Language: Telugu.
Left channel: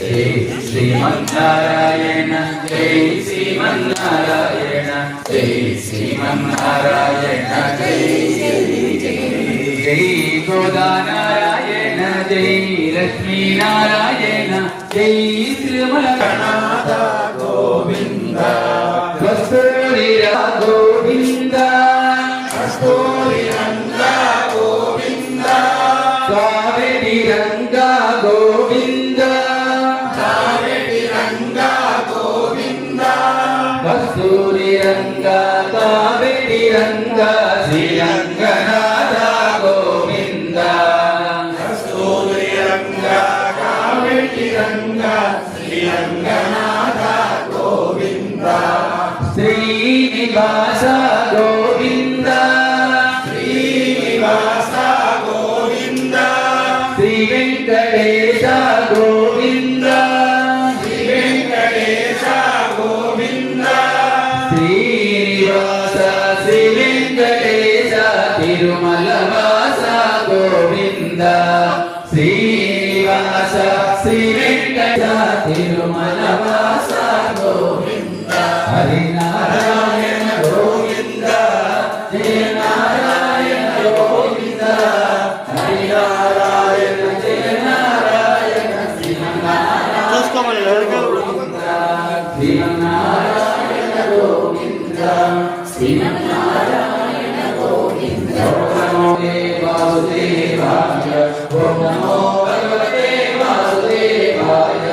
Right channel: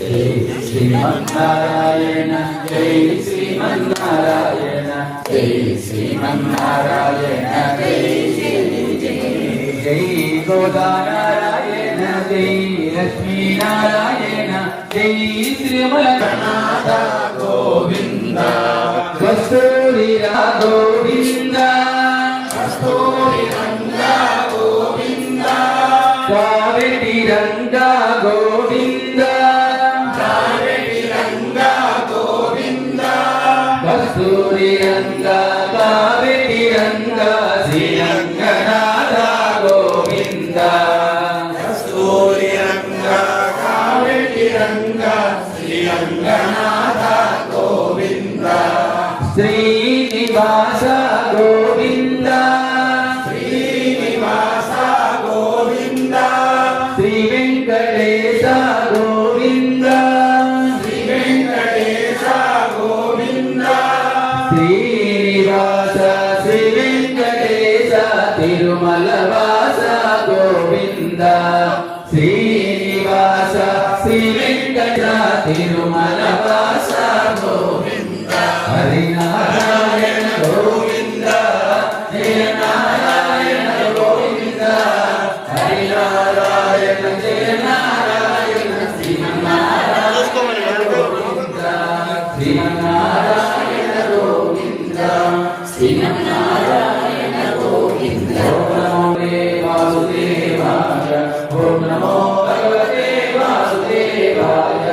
జై శ్రీమన్నారాయణ జై శ్రీమన్నారాయణ జై శ్రీమన్నారాయణ జై జై గోదానారాయణ జై లక్ష్మీనారాయణ జై శ్రీమన్నారాయణ గోవింద కస్తూరి గోవింద కస్తూరి రంగా గోవింద కావేటి రంగా గోవింద కావేటి రంగా గోవింద కస్తూరి రంగా కావేటి రంగా శ్రీరంగనాథ గోవింద కస్తూరి రంగా కావేటి రంగా శ్రీరంగనాథ గోవింద శ్రీనివాస గోవింద శ్రీనివాస గోవింద శ్రీ వెంకటేశ గోవింద శ్రీ వెంకటేశ గోవింద శ్రీనివాస శ్రీ వెంకటేశ తిరుమల వాస గోవింద శ్రీనివాస శ్రీ వెంకటేశ తిరుమల వాస గోవింద హరినారాయణ గోవింద జయ నారాయణ గోవింద హరినారాయణ జయ నారాయణ శ్రీమన్నారాయణ గోవింద శ్రీమన్నారాయణ గోవింద శ్రీమన్నారాయణ గోవింద నమో వాసుదేవాయ ఓం నమో భగవతే వాసుదేవాయ